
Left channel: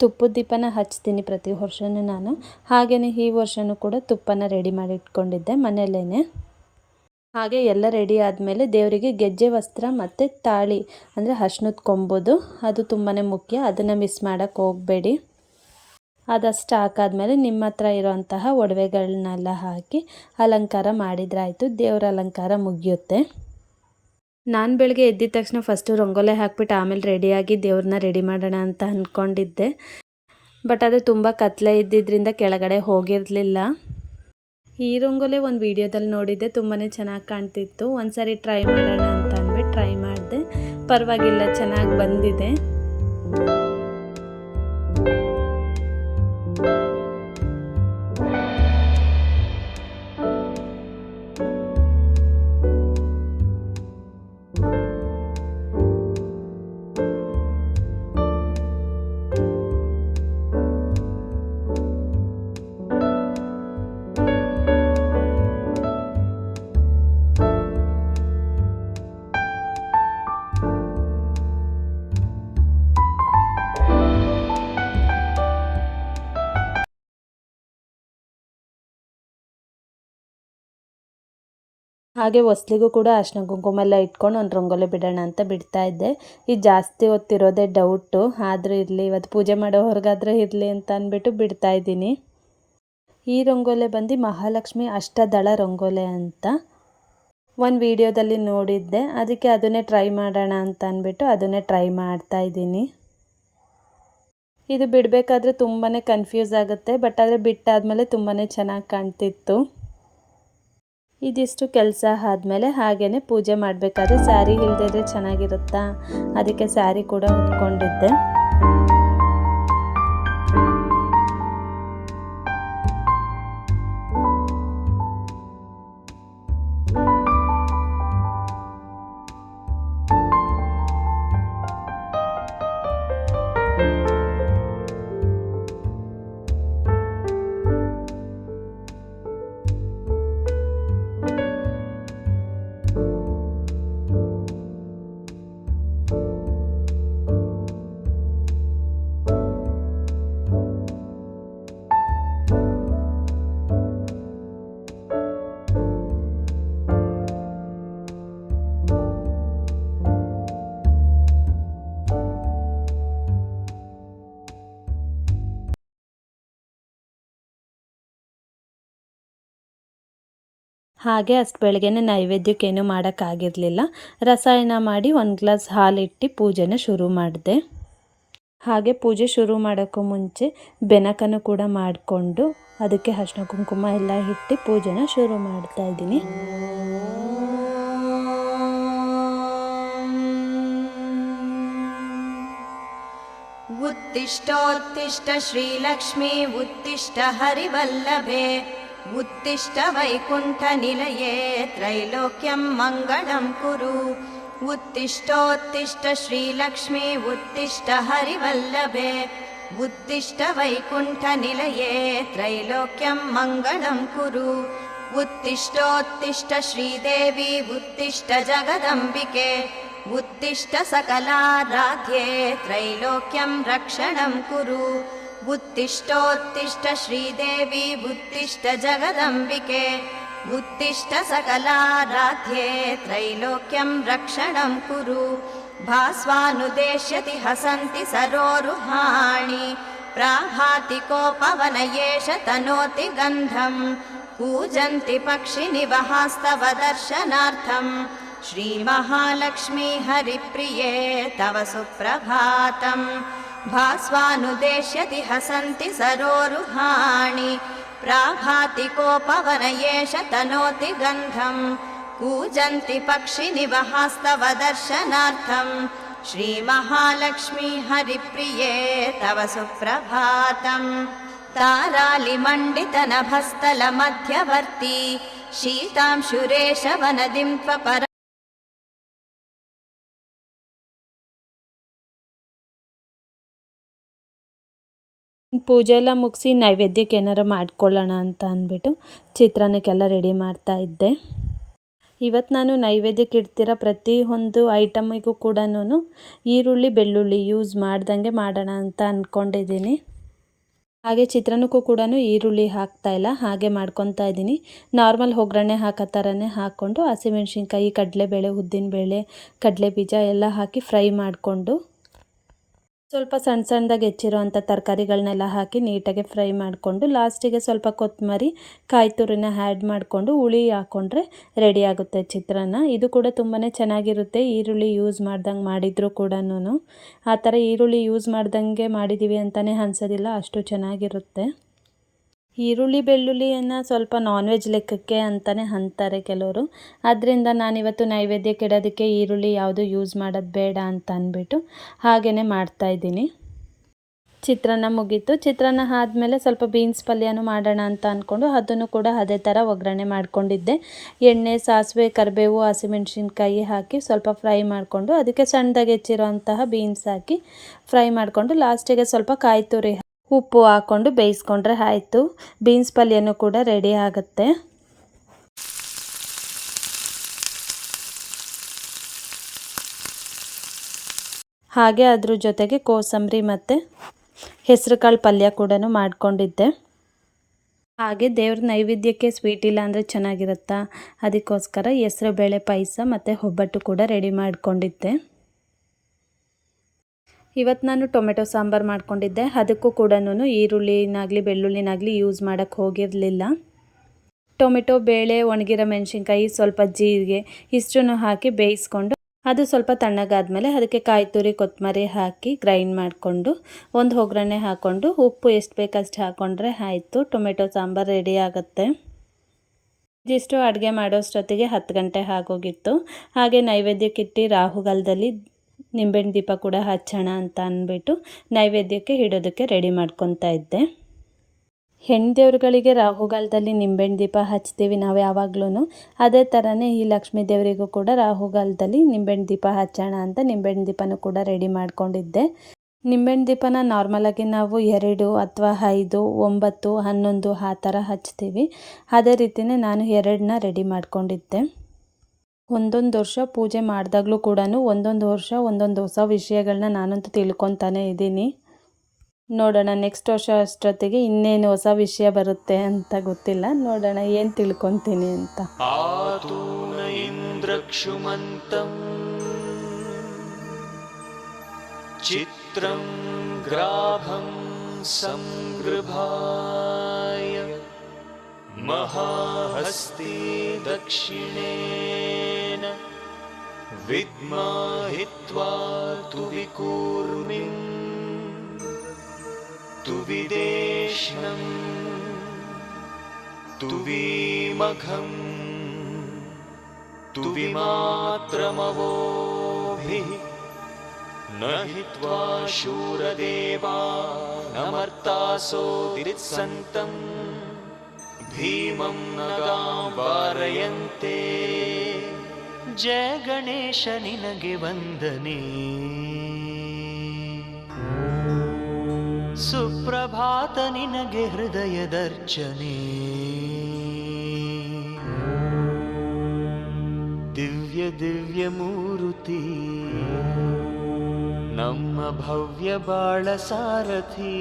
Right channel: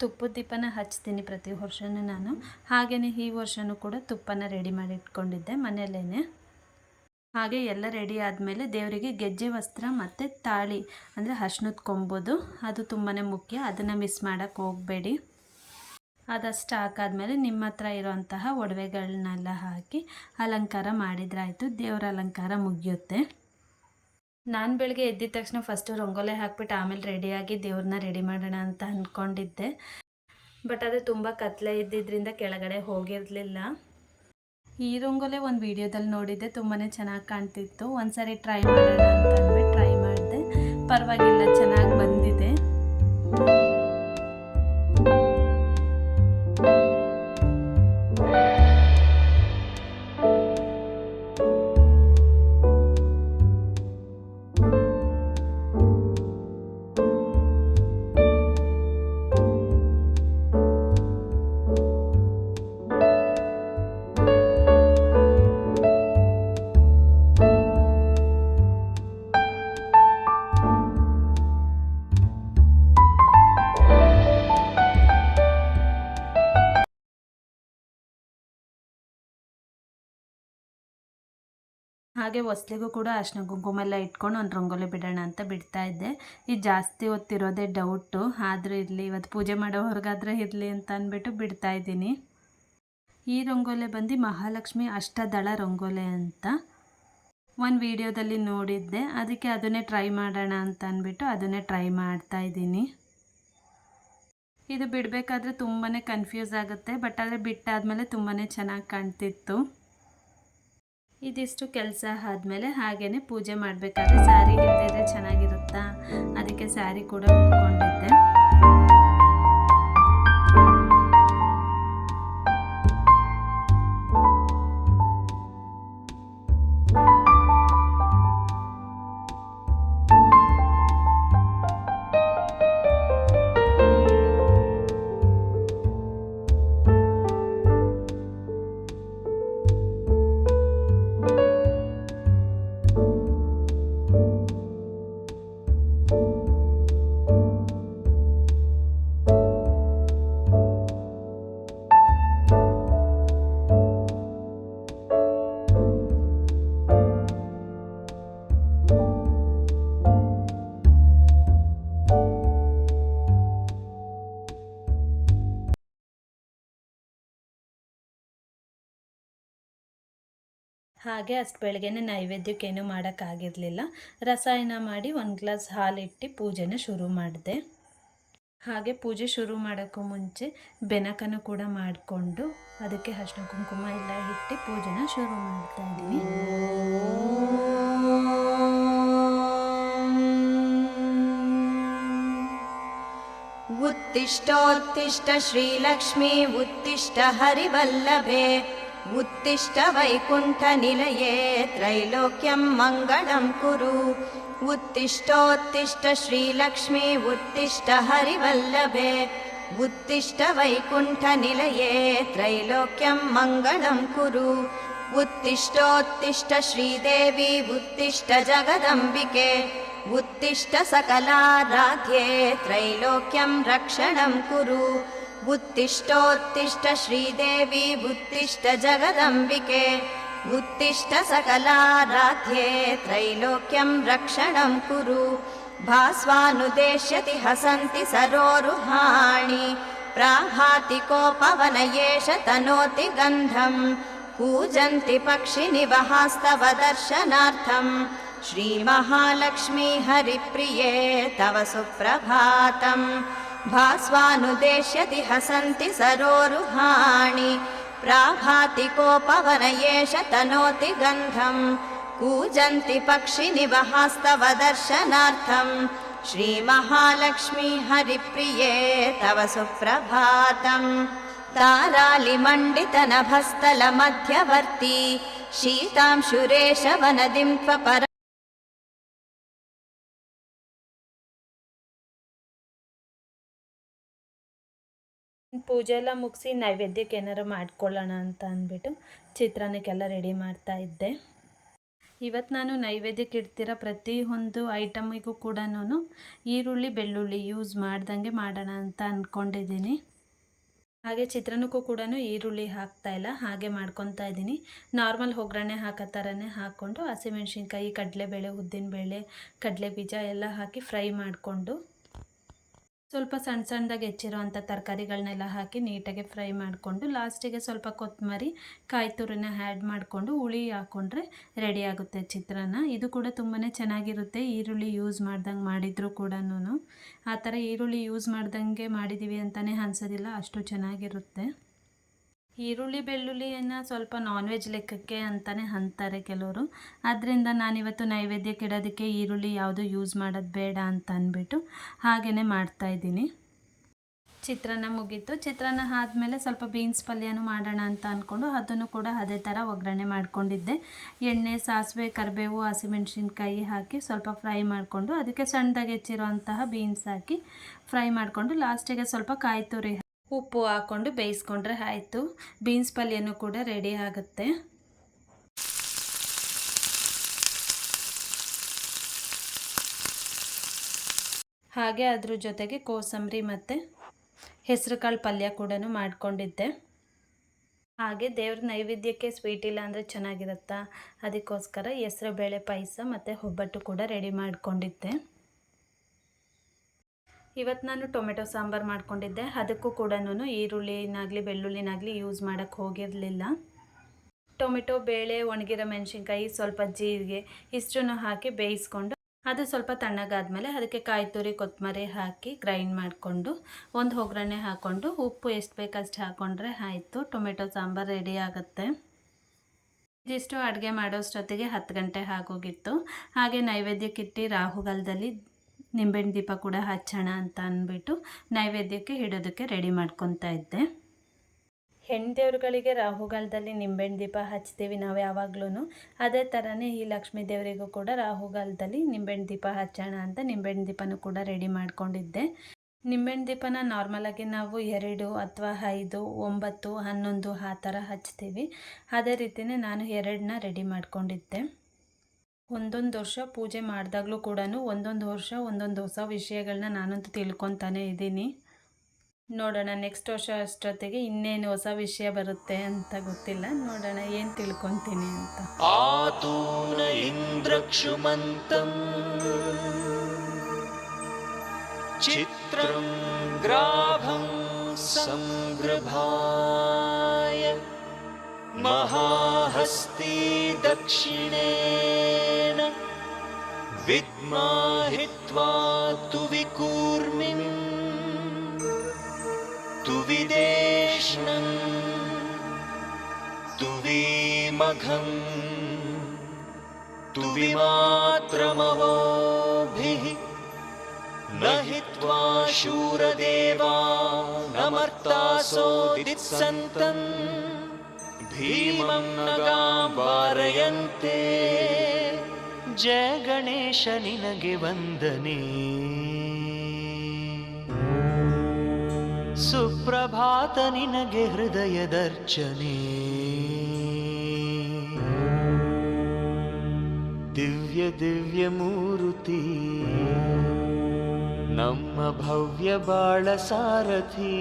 ತುಪ್ಪದ ದೀಪನ ಹಚ್ತೀನಿ ಪ್ರತಿ ವರ್ಷನೂ ನಾನು. ಹಾಗೆಯೇ ಈ ವರ್ಷವೂ ಕೂಡ ತುಪ್ಪನ ರೆಡಿ ಮಾಡಿ ಇಟ್ಕೊಂಡಿದ್ದೆ ಮನೆಯಲ್ಲೇ ಹಾಗೆ ಎಲ್ಲ ರೆಡಿ ಆದಮೇಲೆ ದೇವರಿಗೆ ಗೆಜ್ಜೆ, ವಸ್ತ್ರ ಮತ್ತು ತಾಳಿ, ಅಂದರೆ ಅರ್ಶಿನದ ಕೊಂಬೋದು, ಅದು ತುಂಬಾ ಮುಖ್ಯ. ಅದನ್ನು ಮಿಸ್ ಮಾಡೋಕ್ಕೆ ಹೋಗಬೇಡಿ. ಅದಷ್ಟು ಹಾಕಾದ್ಮೇಲೆ ನಿಮ್ಮ ಹತ್ರ ಇರೋಂತಹ ಒಡವೆಗಳನ್ನೆಲ್ಲ ಹಾಕಿ ಅಲಂಕಾರ ಮಾಡಿದ್ರಾಯಿತು ದೇವರ ಅಲಂಕಾರ ಮುಗಿಯುತ್ತೆ. ನಾನು ಬೆಳಗ್ಗೆ ಎದ್ದಿದ ತಕ್ಷಣ ಫಸ್ಟು ರಂಗೋಲೆ ಹಾಕ್ಬಿಟ್ಟು ಆಮೇಲೆ ರೆಡಿಯಾಗಿ ದೇವ್ರನ್ನ ರೆಡಿ ಮಾಡೋಣ ಅಂತ ಅಂದ್ಕೊಂಡಿದ್ದೆ ಬಟ್ ಅದು ತುಂಬ ಕತ್ಲೆ ಇದ್ದಿದ್ದರಿಂದ ಕೆಳಗಡೆ ಹೋಗಿರಲಿಲ್ಲ. ಈ ರಂಗೋಲೆ ಒಂದು ವೀಡಿಯೋದಲ್ಲಿ ನೋಡಿದ್ದೆ ತುಂಬಾ ಚೆನ್ನಾಗಿ ಕಾಣ್ತಿತ್ತು. ಒಂದು ಸಾರಿ ಟ್ರೈ ಮಾಡೋಣ ಅಂತ ಅಂದ್ಬಿಟ್ಟು ಟ್ರೈ ಮಾಡಿದೆ. ಪರವಾಗಿಲ್ಲ, ಚೆನ್ನಾಗಿ ಬಂದಿದೆ. ಹಾಗೆ ಹೊಸ್ಲಿಗೂ ಕೂಡ ಅರ್ಶಿನ ಕುಂಕುಮ ಎಲ್ಲ ಇಟ್ಕೊಂಡು ಒಂದು ರಂಗೋಲಿ ಬಿಡೋಣ ಅಂತ ಬಿಡ್ತಾ ಇದ್ದೆ. ಇದು ಜಾಸ್ತಿ ಹೊತ್ತಿರೋದೇ ಡೌಟು ಆದರೂ ಇರಲಿ, ಇವತ್ತು ಪೂಜೆ ಮಾಡೋರ್ಗಾದ್ರೆ ಇರಲಿ ಅಂತ ಅಂದ್ಬಿಟ್ಟು ಬಿಡ್ತಾ ಇದ್ದೀನಿ. ಈ ರಂಗೋಲೆ ಬಂದು ಮಹಾಲಕ್ಷ್ಮಿ ಅಷ್ಟದಳ ರಂಗೋಲೆ ಅಂತ. ಒಂದು ವಿಡಿಯೋದಲ್ಲಿ ನೋಡಿದ್ದೆ. ಅದಕ್ಕೆ ಅದನ್ನೇ ಟ್ರೈ ಮಾಡೋಣ ಅಂತ ಅಂದ್ಬಿಟ್ಟು ಅದನ್ನೇ ಟ್ರೈ ಮಾಡ್ತಾ ಇದ್ದೀನಿ. ಇದು ಬಿಡಬೇಕಾದ್ರೆ ತುಂಬಾ ಕನ್ಫ್ಯೂಸ್ ಆಗುತ್ತೆ. ಬಟ್ ಆದರೆ ಬಿಟ್ಟಾದಮೇಲೆ ತುಂಬಾ ಚೆನ್ನಾಗಿ ಕಾಣ್ತಿತ್ತು. ಇದಿಷ್ಟು ಕೆಲಸ ಆದಮೇಲೆ ಹಾಗೇ ಪೂಜೆ ಮಾಡಬೇಕಾದ್ರೆ ಸ್ಯಾರಿ ಇಲ್ಲದಿದ್ರೆ ಚೆನ್ನಾಗಿರುತ್ತಾ? ಅದಕ್ಕೆ ಸ್ಯಾರಿ ಕೂಡ ಉಟ್ಕೊಂಡಿದ್ದೆ. ಹಾಗೆ ಅಷ್ಟು ಬೆಳಗ್ಗೆನೇ ನೈವೇದ್ಯಕ್ಕೇನು ಮಾಡೋಕ್ಕಾಗಿರಲಿಲ್ಲ ರಸಾಯನ ಮಾಡಿ ಒಂದು ಗ್ಲಾಸ್ ಹಾಲಿಟ್ಟು ಪೂಜೆನ ಶುರು ಮಾಡಿದೆ ಹಾಗೆ ಪೂಜೆ ಶುರು ಮಾಡೋಕ್ಕೂ ಮುಂಚೆ ಬೆನಕನ್ನು ಕೂಡ ಮಾಡಿಕೊಂಡು ಅದಕ್ಕೆ ಅರ್ಶಿನ ಕುಂಕುಮ ಎಲ್ಲ ಇಟ್ಟು ಪೂಜೆನ ಶುರು ಮಾಡ್ತಾ ಇದ್ದೀನಿ उत्तिष्ठोत्तिष्ठ श्रीलक्ष्मी उत्तिष्ठ हरिवल्लभे उत्तिष्ठ वैकुण्ठनिलये त्रैलोक्यं मङ्गलं कुरु उत्तिष्ठोत्तिष्ठ श्रीलक्ष्मी उत्तिष्ठ हरिवल्लभे उत्तिष्ठ वैकुण्ठनिलये त्रैलोक्यं मङ्गलं कुरु उत्तिष्ठोत्तिष्ठ श्रीदेवी उत्तिष्ठ जगदम्बिके उत्तिष्ठ सकलाराध्ये त्रैलोक्यं रक्षणं कुरु उत्तिष्ठोत्तिष्ठ श्रीदेवी उत्तिष्ठ जगदम्बिके उत्तिष्ठ सकलाराध्ये त्रैलोक्यं रक्षणं कुरु। भास्वानुदेश्यति हसन्ति सरोरुहाणि प्राभाति कोपवन एष तनोति गन्धम् कूजन्ति पक्षिनिवहास्तव दर्शनार्थम् श्रीमहालक्ष्मी हरिप्रिये तव सुप्रभातम् भास्वानुदेश्यति हसन्ति सरोरुहाणि प्राभाति कोपवन एष तनोति गन्धम् कूजन्ति पक्षिनिवहास्तव दर्शनार्थम् श्रीमहालक्ष्मी हरिप्रिये तव सुप्रभातम् तारालिमण्डितनभस्थलमध्यवर्ती शीतांशुरेशवनदिं त्वपर ಪೂಜೆ ಎಲ್ಲ ಮುಗಿಸಿ ನೈವೇದ್ಯಕ್ಕೆ ಏನಾರು ಮಾಡ್ಕೊಳ್ಳೋಣ ಅಂತ ಅಂದ್ಬಿಟ್ಟು ಚಿತ್ರಾನ್ನಕ್ಕೆಲ್ಲ ರೆಡಿ ಮಾಡ್ತಾ ಇದ್ದೆ. ಇವತ್ತು ನಾನು ನೈವೇದ್ಯಕ್ಕೆ ಇಡ್ತಿರೋ ಪ್ರತಿಯೊಂದು ಐಟಮಿಗೂ ಕೂಡ ಈರುಳ್ಳಿ, ಬೆಳ್ಳುಳ್ಳಿ ಯೂಸ್ ಮಾಡ್ದಂಗೆ ಮಾಡೋಣ ಅಂತ ಅಂದ್ಕೊಂಡಿದ್ದೀನಿ ಹಾಗೆ ಚಿತ್ರಾನ್ನಕ್ಕೂ ಕೂಡ ಈರುಳ್ಳಿ ಹಾಕ್ತಾ ಇಲ್ಲ, ಹಾಗೆ ಮಾಡ್ಕೊತಾ ಇದ್ದೀನಿ. ನಾರ್ಮಲ್ ಒಗ್ಗರಣೆ ಹಾಕೋ ಥರನೇ ಹಾಕ್ಕೊಂಡು ಹಸಿಮೆಣ್ಸಿನ್ಕಾಯಿ, ಕಡಲೆಬೇಳೆ, ಉದ್ದಿನಬೇಳೆ ಕಡಲೆ ಬೀಜ ಎಲ್ಲ ಹಾಕಿ ಫ್ರೈ ಮಾಡಿಕೊಂಡು ಸ್ವಲ್ಪ ಸಣ್ಣ ಸಣ್ಣದಾಗಿ ಹೆಚ್ಚಿರೋವಂಥ ತರಕಾರಿಗಳನ್ನೆಲ್ಲ ಹಾಕಿ ನೀಟಾಗಿ ಫ್ರೈ ಮಾಡಿಕೊಂಡು ಲಾಸ್ಟಿಗೆ ಸ್ವಲ್ಪ ಕೊತ್ತಂಬರಿ ಕಾಯಿ ತುರಿನ ಆ್ಯಡ್ ಮಾಡಿಕೊಂಡು ಹುಳಿ ಹಾಕ್ಕೊಂಡ್ರೆ ರೆಡಿ ಆಗುತ್ತೆ ಚಿತ್ರಾನ್ನ. ಇದು ಕೂಡ ತುಂಬಾ ಚೆನ್ನಾಗಿರುತ್ತೆ. ಈರುಳ್ಳಿ ಯೂಸ್ ಮಾಡ್ದಂಗೆ ಮಾಡಿದರೂ ಕೂಡ ಆ ಥರ ಈರುಳ್ಳಿ ಯೂಸ್ ಮಾಡ್ದಂಗೆ ಮಾಡಿದ್ದೀವಿ ಅಂತಲೇ ಅನ್ಸೋದಿಲ್ಲ. ಅಷ್ಟು ಚೆನ್ನಾಗಿರುತ್ತೆ. ಈರುಳ್ಳಿ ಬೆಳ್ಳುಳ್ಳಿಯನ್ನು ಸ್ವಲ್ಪ ನಾನ್ ವೆಜ್ ಲೆಕ್ಕಕ್ಕೆ ಅಂತಲೇ ಅಂತಾರೆ ಕೆಲವರು. ಅದರಿಂದ ನಾನಿವತ್ತು ನೈವೇದ್ಯಕ್ಕೆ ಕೆಡೋದಕ್ಕೆ ಈರುಳ್ಳಿ ಯಾವುದು ಯೂಸ್ ಮಾಡೋದು ಬೇಡ ಅಂತ ಅಂದ್ಬಿಟ್ಟು ಹಾಗೆಯೇ ಮಾಡ್ತಾಯಿದ್ದೀನಿ ಚಿತ್ರಾನ್ನ ಮುಗೀತು. ಚಿತ್ರಾನ್ನ ಆದಮೇಲೆ ಸ್ವಲ್ಪ ಬೀನ್ಸ್ ಪಲ್ಯನೂ ಮಾಡೋಣ ಅಂತ ಅಂದ್ಕೊಂಡು ಅದನ್ನು ಕೂಡ ಅದೇ ಥರ ಒಗ್ಗರಣೆ ಮಾಡ್ಕೊಂಡಿದ್ದೆ. ಎಣ್ಣೆ, ಸಾಸಿವೆ, ಕರಿಬೇವು, ಹಸಿಮೆಣ್ಸಿನ್ಕಾಯಿ ಹಾಕಿ ಸ್ವಲ್ಪ ಫ್ರೈ ಮಾಡಿಕೊಂಡು ಅದಕ್ಕೆ ಸಣ್ಣದಾಗಿ ಹೆಚ್ಚಿರೋ ಬೀನ್ಸ್ ಹಾಕಿ ಫ್ರೈ ಮಾಡಿಕೊಂಡು ಲಾಸ್ಟಿಗೆ ಸ್ವಲ್ಪ ಕಾಯಿ ತುರಿ ಉಪ್ಪು ಹಾಕ್ಕೊಂಡು ಬೇಯಿಸ್ಕೊಂಡ್ರೆ ಆಯಿತು. ಬೀನ್ಸ್ ಪಲ್ಯನೂ ಕೂಡ ರೆಡಿ ಆಗುತ್ತೆ. ಹಾಗೆ ಅದ್ರ ಜೊತೆಗೆ ಕೋಸಂಬರಿ ಮತ್ತು ಹೆಸರುಕಾಳು ಪಲ್ಯ ಕೂಡ ಮಾಡಿಕೊಂಡಿದ್ದೆ. ಹಾಗೆ ದೇವ್ರ ನೈವೇದ್ಯಕ್ಕೆ ಸ್ವೀಟ್ ಇಲ್ಲ ಅಂದರೆ ಚೆನ್ನಾಗಿರುತ್ತಾ? ಅದಕ್ಕೋಸ್ಕರ ಹೆಸರು, ಬೇಳೆ, ಪಾಯಸ ಮತ್ತು ಒಬ್ಬಟ್ಟು ಕೂಡ ರೆಡಿ ಮಾಡ್ಕೊಂಡಿದ್ದೆ. ಇವತ್ತು ನಾನು ಟೊಮೆಟೊ ಸಾಂಬಾರು ಮಾಡ್ಕೊಂಡಿದ್ದೆ. ಅದಕ್ಕೂ ಕೂಡ ಈರುಳ್ಳಿನಾಗಲಿ, ಬೆಳ್ಳುಳ್ಳಿನಾಗಲಿ ಯೂಸ್ ಮಾಡೋಕ್ಕೆ ಹೋಗಿರಲಿಲ್ಲ. ಟೊಮೆಟೊ, ಬೇಳೆ, ಒಣಗಿರೋ ಮೆಣಸಿನ್ಕಾಯಿ ಸ್ವಲ್ಪ ಜೀರಿಗೆ ಇಷ್ಟನ್ನು ಹಾಕಿ ಬೇಯಿಸ್ಕೊಂಡು ಅದು ಸ್ವಲ್ಪ ತಣ್ಣಗಾದ್ಮೇಲೆ ಅದಕ್ಕೆ ಕಾಯಿ ತುರಿ, ಕೊತ್ತಂಬರಿ ಹಾಕಿ ಗ್ರೈಂಡ್ ಮಾಡಿಕೊಂಡು ಒಂದು ಒಗ್ಗರಣೆ ಹಾಕ್ಕೊಂಡು ಉಪ್ಪು ಎಷ್ಟು ಬೇಕಷ್ಟು ಹಾಕ್ಕೊಂಡ್ರೆ ಆಯಿತು. ಟೊಮೆಟೊ ಸಾಂಬಾರು ರೆಡಿ ಆಗುತ್ತೆ. ಇದಿಷ್ಟು ಅಡುಗೆ ಮಾಡೋಷ್ಟೊತ್ತಿಗೆ ಹತ್ತು ಗಂಟೆ ಆಗೋಗಿತ್ತು. ಹಾಗೆ ನೈವೇದ್ಯಕ್ಕಿಟ್ಟು ರಾಹುಗಾಲದಲ್ಲಿ ನಿಂಬೆಹಣ್ಣು ದೀಪ ಕೂಡ ಹಚ್ಚೋಣ ಅಂತ ಅಂದ್ಬಿಟ್ಟು ನೈವೇದ್ಯಕ್ಕೆ ಇಡೋದಕ್ಕೆ ರೆಡಿ ಮಾಡ್ಕೊತಾ ಇದ್ದೆ. ಹೆಣ್ಣು ದೇವ್ರುಗಳಿಗೆ ರಾಹುಗಾಲದಲ್ಲಿ ನಿಂಬೆಹಣ್ಣು ದೀಪ ಹಚ್ತೀವಿ ನಾವು ಯಾವಾಗ್ಲೂ ಅದೇ ಥರನೇ ಈ ಲಕ್ಷ್ಮೀ ದೇವರಿಗೂ ಕೂಡ ರಾಹುಗಾಲದಲ್ಲಿ ನಿಂಬೆಹಣ್ಣು ದೀಪ ಹಚ್ಚೋಣ ಅಂತ ನಿಂಬೆಹಣ್ಣು ದೀಪನೂ ಕೂಡ ರೆಡಿ ಮಾಡ್ಕೊಂಡಿದ್ದೆ. ನಿಂಬೆಹಣ್ಣು ದೀಪನ ನಾರ್ಮಲಾಗಿ ನಾವು ಎರಡು ಅಥವಾ ಐದು, ಒಂಬತ್ತು, ಹನ್ನೊಂದು ಆ ಥರ ಹಚ್ತೀವಿ. ಅದೇ ರೀತಿಯೇ ನಾನು ಎರಡನ್ನ ರೆಡಿ ಮಾಡ್ಕೊಂಡಿದ್ದೆ. ಒಂದೊಂದು ವರ್ಷ ಪೂಜೆ ಮಾಡಿದಾಗಲೂ ಕೂಡ ಒಂದೊಂದು ವರ್ಷ, ಒಂದೊಂದು ಹೊಸ ವಿಷಯಗಳನ್ನ ನಾನಂತೂ ತಿಳ್ಕೊತಾನೆ ಇದ್ದೀನಿ. ನೋಡೋಣ ನೆಕ್ಸ್ಟ್ ವರ್ಷ ಅಷ್ಟೊತ್ತಿಗೆ ಇನ್ನೇನು ಹೊಸ ವಿಷಯ ಬರುತ್ತೆ ಅಂತ ಗೊತ್ತಿಲ್ಲ. ನೋಡೋಣ, ಏನು ತಿಳ್ಕೊತೀನಿ ಅಂತ. ಇಂದ್ರಕ್ಷುಮಂತಂ. ಚಿತ್ರಂ ಗ್ರಾಭಂ ಸಂಗೃಭಾ. महाहस्ती दक्षिणेन विद्माहित्वा तु विकूर्मिम् तु विदेष्णम् तु विमघम् तु विमात्रमवोभिः न हित्वा शूरदेवा नमर्तासोदित्सन्तम् भीमं नगां वारयन्ते जय गणेश निनगे वन्दने ಸುಪ್ರಭಾತ ನಿನಗೆ ಹೃದಯದರ್ಚನೆ ದಿವ್ಯ ದಿವ್ಯ ಮೂರುತಿ ನಮ್ಮ ಭವ್ಯ ಬಾಳ ಸಾರಥಿ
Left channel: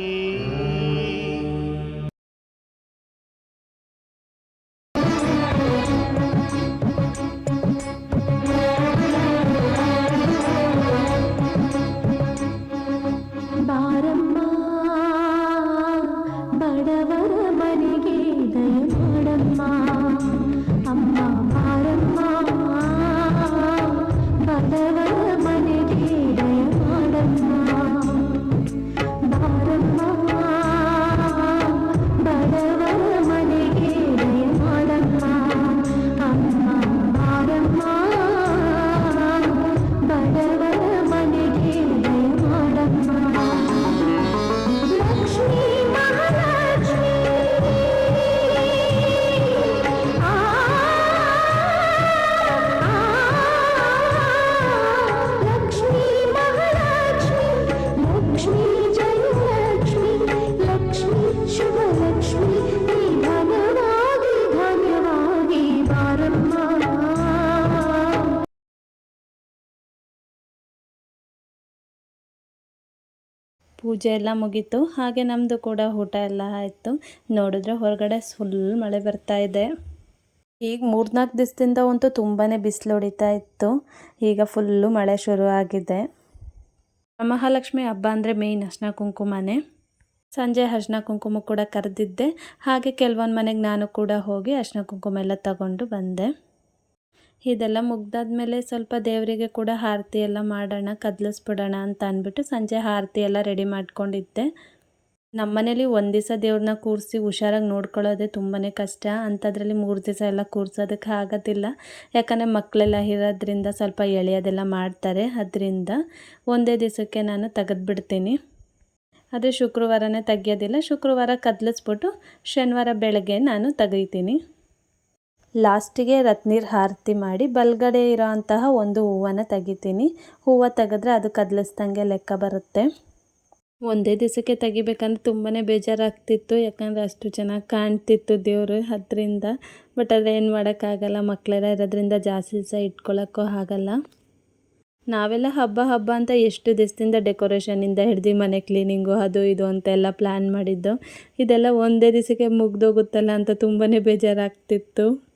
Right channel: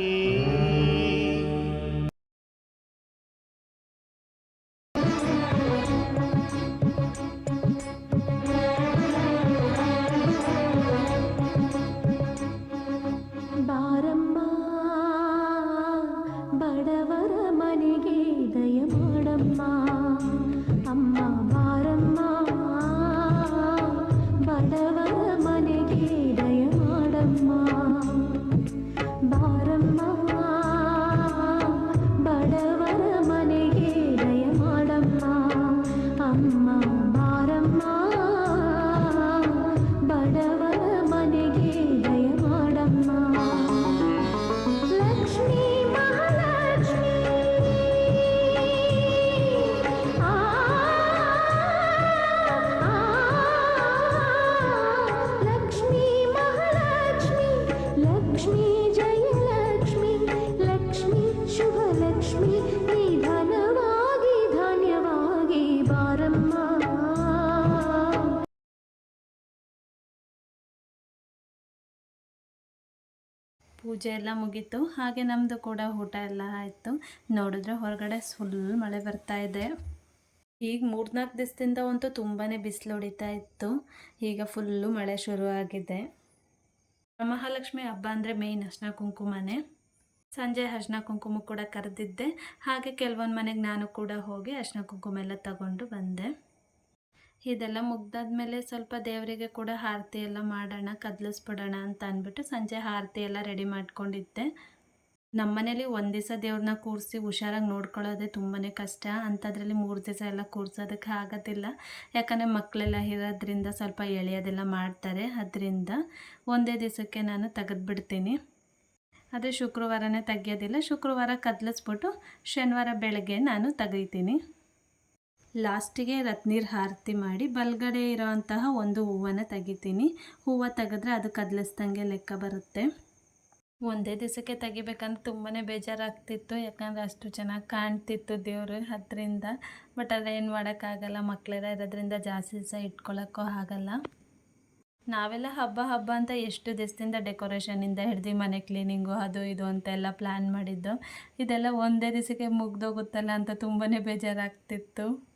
ಬಡವರ ಮನೆಗೆ ದಯ ಪೂಜೆ ಎಲ್ಲ ಮುಗೀತು. ಹಾಗೆ ನಮ್ಮದು ಕೂಡ ಊಟ ಎಲ್ಲ ಆಯಿತು. ನೋಡಿದ್ರೆ ಹೊರಗಡೆ ಫುಲ್ ಮಳೆ ಬರ್ತಾ ಇದೆ. ಈಗ ಮೂರ್ನಾಲ್ಕು ದಿವಸದಿಂದ ಅಂತೂ ತುಂಬಾ ಬಿಸಿಲು ಹೊಡಿತಾ ಇತ್ತು. ಈಗ ಫುಲ್ಲು ಮಳೆ ಶುರು ಆಗಿದೆ. ಮಹಾಲಕ್ಷ್ಮಿ ಹಬ್ಬ ಅಂದರೆ ಮೇಯ್ನ್ ಅರ್ಶನ ಕುಂಕುಮನೆ. ಸಂಜೆ ಅರ್ಶನ ಕುಂಕುಮ ಕೂಡ ಕರೆದಿದ್ದೆ. ಹಾಗೆ ಕೆಲವೊಂದು ಮನೆಗೆ ನಾನು ಕೂಡ ಹೋಗಿ ಅರ್ಶನ ಕುಂಕುಮ ಎಲ್ಲ ತಗೊಂಡು ಬಂದೆ. ಇದೆಲ್ಲ ಮುಗ್ದಾದ್ಮೇಲೆ ಸ್ವಲ್ಪ ದೇವರಿಗೆ ಕೂಡ ಆರತಿ ಎಲ್ಲ ಮಾಡೋಣ, ಕದಲಿಸ್ಬಿಡೋಣ ಅಂತ ಅಂದ್ಬಿಟ್ಟು ಸಂಜೆ ಆರತಿ ಎಲ್ಲ ರೆಡಿ ಮಾಡ್ಕೊಂಡಿದ್ದೆ. ನಮ್ಮನೇಲಿ ಒಂದು ದಿವಸ ದೇವ್ರನ್ನ ಕೂರಿಸಿ ಹುಷಾರಾಗಿ ನೋಡ್ಕೊಳ್ಳೋದೇ ತುಂಬಾ ಕಷ್ಟ. ಅಂಥದ್ರಲ್ಲಿ ಮೂರು ದಿವಸ ಎಲ್ಲ ಕೂರಿಸೋದಕ್ಕೆ ಆಗೋದಿಲ್ಲ. ಯಾಕಂದರೆ ಮಕ್ಕಳೆಲ್ಲ ಇರೋದ್ರಿಂದ ಸ್ವಲ್ಪ ಎಳೆಯೋದೆಲ್ಲ ಮಾಡ್ತಾರೆ. ಅದರಿಂದ ಒಂದೇ ದಿವಸಕ್ಕೆ ನಾನು ತೆಗೆದುಬಿಡ್ತೀನಿ. ಆದರೆ ಶುಕ್ರವಾರನೇ ತೆಗಿಯೋದಿಲ್ಲ. ಶುಕ್ರವಾರ ಕದಲಿಸ್ಬಿಟ್ಟು ಶನಿವಾರ ಬೆಳಗ್ಗೆ ನಾನು ತೆಗಿತೀನಿ. ಲಾಸ್ಟಿಗೆ ರತ್ನೀರ್ ಆರತಿ ಮಾಡಿ ಬಲಗಡೆ ಇರೋ ಅಂತಹ ಒಂದು ಹೂವನ್ನು ತೆಗಿತೀನಿ. ಹೂವು ತೆಗೆದ್ರೆ ಅದು ಕದಲಿಸ್ದಂಗೆ ಲೆಕ್ಕ ಬರುತ್ತೆ. ಒಂದೇ ದಿವಸಕ್ಕೆ ತೆಗಿಬೇಕಂದ್ರೆ ತುಂಬಾ ಬೇಜಾರಾಗ್ತಿತ್ತು. ಯಾಕಂದರೆ ಅಷ್ಟು ಚೆನ್ನಾಗಿ ಕಾಣ್ತಿತ್ತು ದೇವರು ಅದರಿಂದ. ಬಟ್ ಅದೇನು ಮಾಡೋಕ್ಕಾಗಲ್ಲ ಮಕ್ಕಳೆಲ್ಲ ಇರೋದ್ರಿಂದ ಜಾಸ್ತಿ ದಿವಸ ಇಟ್ಕೊಳ್ಳೋಕ್ಕೂ ಆಗಲ್ಲ. ನಾವೆಲ್ಲ ಹಬ್ಬ ಹಬ್ಬ ಅಂತ ಎಷ್ಟು ದಿವಸದಿಂದ ಡೆಕೋರೇಷನಿಂದ ಹಿಡ್ದು ಮನೆ ಕ್ಲೀನಿಂಗು ಅದು ಇದು ಅಂತೆಲ್ಲ ಪ್ಲ್ಯಾನ್ ಮಾಡಿದ್ದು. ಇದೆಲ್ಲ ಒಂದೇ ದಿವಸಕ್ಕೆ ಮುಗ್ದೋಗುತ್ತಲ್ಲ ಅಂತ ತುಂಬಾ ಬೇಜಾರಾಗ್ತಿತ್ತು.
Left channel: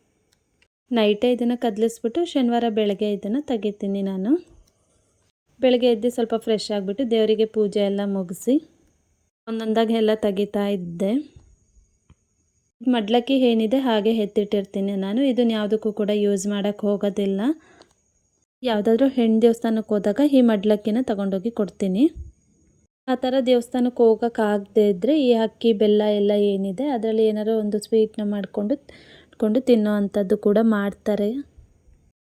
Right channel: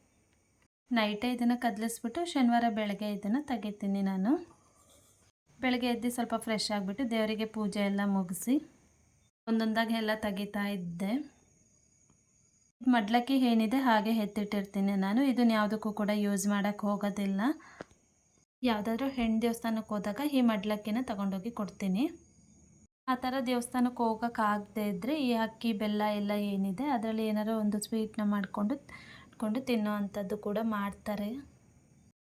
ನೈಟೇ ಇದನ್ನು ಕದಲಿಸ್ಬಿಟ್ಟು ಶನಿವಾರ ಬೆಳಗ್ಗೆ ಇದನ್ನು ತೆಗಿತೀನಿ ನಾನು. ಬೆಳಗ್ಗೆ ಎದ್ದು ಸ್ವಲ್ಪ ಫ್ರೆಶ್ ಆಗಿಬಿಟ್ಟು ದೇವರಿಗೆ ಪೂಜೆ ಎಲ್ಲ ಮುಗಿಸಿ ಒಂದೊಂದಾಗಿ ಎಲ್ಲ ತೆಗಿತಾ ಇದ್ದೆ. ಮಡ್ಲಕ್ಕಿ ಏನಿದೆ ಹಾಗೆ ಎತ್ತಿಟ್ಟಿರ್ತೀನಿ ನಾನು. ಇದನ್ನ ಯಾವುದಕ್ಕೂ ಕೂಡ ಯೂಸ್ ಮಾಡೋಕ್ಕೆ ಹೋಗೋದಿಲ್ಲ. ಯಾವುದಾದ್ರೂ ಹೆಣ್ಣು ದೇವಸ್ಥಾನಕ್ಕೆ ಹೋದಾಗ ಈ ಮಡ್ಲಕ್ಕಿನ ತಗೊಂಡೋಗಿ ಕೊಡ್ತೀನಿ. ಆ ಥರ ದೇವಸ್ಥಾನಕ್ಕೆ ಹೋಗೋಕ್ಕಾಗದೇ ಇದ್ದರೆ ಈ ಅಕ್ಕಿ, ಬೆಲ್ಲ ಎಲ್ಲ ಏನಿದೆ, ಅದರಲ್ಲಿ ಏನಾದ್ರು ಒಂದು ಸ್ವೀಟ್ನ ಮಾಡಿಕೊಂಡು ಕೊಂಡು ತಿನ್ನೋ ಅಂಥದ್ದು ಕೂಡ ಮಾಡ್ತಾರೆ.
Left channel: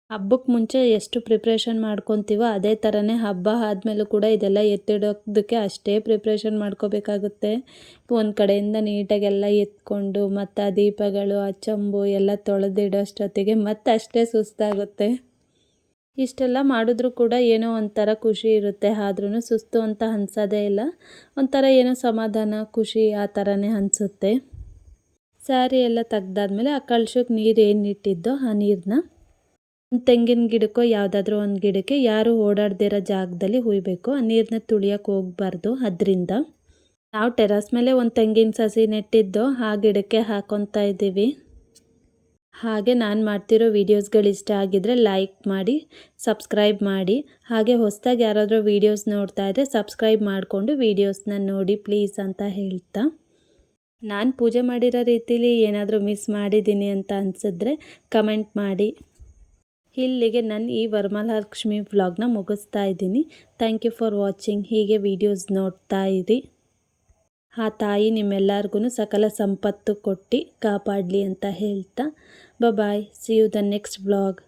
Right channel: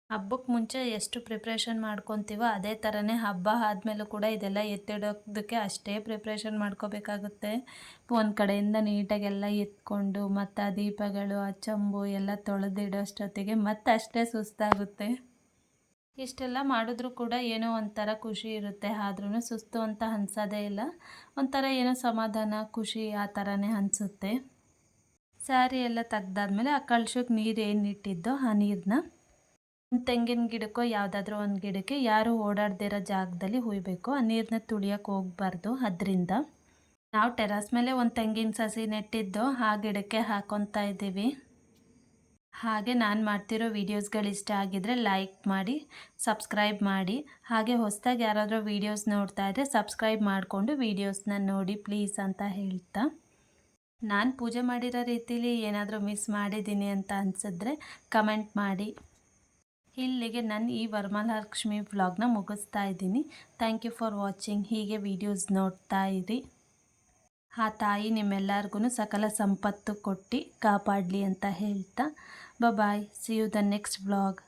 ಹಬ್ಬಕ್ಕೆ ಮುಂಚೆ ಎಷ್ಟು ಪ್ರಿಪ್ರೇಷನ್ ಮಾಡ್ಕೊತೀವೋ ಅದೇ ಥರನೇ ಹಬ್ಬ ಆದಮೇಲೂ ಕೂಡ ಇದೆಲ್ಲ ಎತ್ತಿಡೋದಕ್ಕೆ ಅಷ್ಟೇ ಪ್ರಿಪ್ರೇಷನ್ ಮಾಡ್ಕೋಬೇಕಾಗುತ್ತೆ. ಒಂದು ಕಡೆಯಿಂದ ನೀಟಾಗೆಲ್ಲ ಎತ್ಕೊಂಡು ಮತ್ತು ಆ ದೀಪಗಳು, ಆ ಚಂಬು ಎಲ್ಲ ತೊಳೆದಿಡೋಷ್ಟೊತ್ತಿಗೆ ಮತ್ತೆ ಅಷ್ಟೇ ಸುಸ್ತಾಗುತ್ತೆ. ಇಷ್ಟೆಲ್ಲ ಮಾಡಿದ್ರೂ ಕೂಡ ಏನೋ ಒಂಥರ ಖುಷಿ ಇರುತ್ತೆ. ಆದ್ರೂ ಸುಸ್ತು ಅಂತ ಅನ್ಸೋದೇ ಇಲ್ಲ. ಒಂಥರ ಏನೋ ಸಮಾಧಾನ, ಖುಷಿ ಆ ಥರನೇ ಅನಿಸುತ್ತೆ. ಸ್ಯಾರಿ ಎಲ್ಲ ತೆಗ್ದಾದ್ಮೇಲೆ ಆ ಕಳ್ಶಕ್ಕೆ ನೀರು ಏನಿಟ್ಟಿದ್ದೋ ಆ ನೀರನ್ನ ಒಂದು ತೆಂಗಿನ ಗಿಡಕ್ಕೋ ಯಾವುದಾದ್ರೂ ಒಂದು ಗಿಡಕ್ಕೆ ಯಾರು ಓಡಾಡ್ದಿರೋ ಜಾಗದಲ್ಲಿ ಹುಯ್ಬೇಕು. ಆ ನೀರನ್ನ ತುಳಿಯೋಕೆ ಹೋಗಬಾರ್ದು. ಅದರಿಂದ ನಾವು ಟೆರಸ್ ಮೇಲೆ ಒಂದು ತೆಂಗಿನ ಸಸಿ ನೆಟ್ಟಿದ್ದೋ ಆ ಗಿಡಕ್ಕೆ ಹಾಕೊತಾ ಇದ್ದೀವಿ. ಹಾಗೆ ನಾನು ಮಾಡ್ತಿರೋ ವೀಡಿಯೋಸ್ಗಳು ಇಷ್ಟ ಆಗಿದ್ರೆ ಲೈಕ್ ಮಾಡಿ, ಸಬ್ಸ್ಕ್ರೈಬ್ ಮಾಡಿ. ಹಾಗೆ ಹೊಸದಾಗಿ ಯಾರಾದರೂ ವೀಡಿಯೋಸ್ ನೋಡ್ತಾ ಇದ್ದರೆ ಸಬ್ಸ್ಕ್ರೈಬ್ ಮಾಡಿಕೊಂಡು ವೀಡಿಯೋಸ್ನ ನೋಡಿ ಪ್ಲೀಸ್ ಅಂತ ಹೇಳ್ತಾ. ನಾನು ಪೂಜೆ ಮಾಡಿರೋ ರೀತಿಲಿ ಏನಾದರೂ ಮಿಸ್ ಮಾಡಿದ್ದೀನಿ ಅಂತ ಅನಿಸಿದ್ರೆ ಕಮೆಂಟ್ ಮಾಡಿ. ಇಲ್ಲಿಗೆ ನಾನು ಈ ವರಮಹಾಲಕ್ಷ್ಮಿ ವ್ಲಾಗ್ನ ಮುಗಿಸ್ತಾ ಇದ್ದೀನಿ. ಥ್ಯಾಂಕ್ ಯು ಫಾರ್ ವಾಚಿಂಗ್ ಹೀಗೆ ವೀಡಿಯೋಸ್ ನೋಡ್ತಾ ಇರಿ. ಆ ತಾಯಿ ನಿಮ್ಮೆಲ್ಲರಿಗೂ ಸಕಲ ಸಂಪತ್ತು ಕೊಟ್ಟು ಕಾಪಾಡಲಿ ಅಂತ ಹೇಳ್ತಾ. Bye see you the next vlog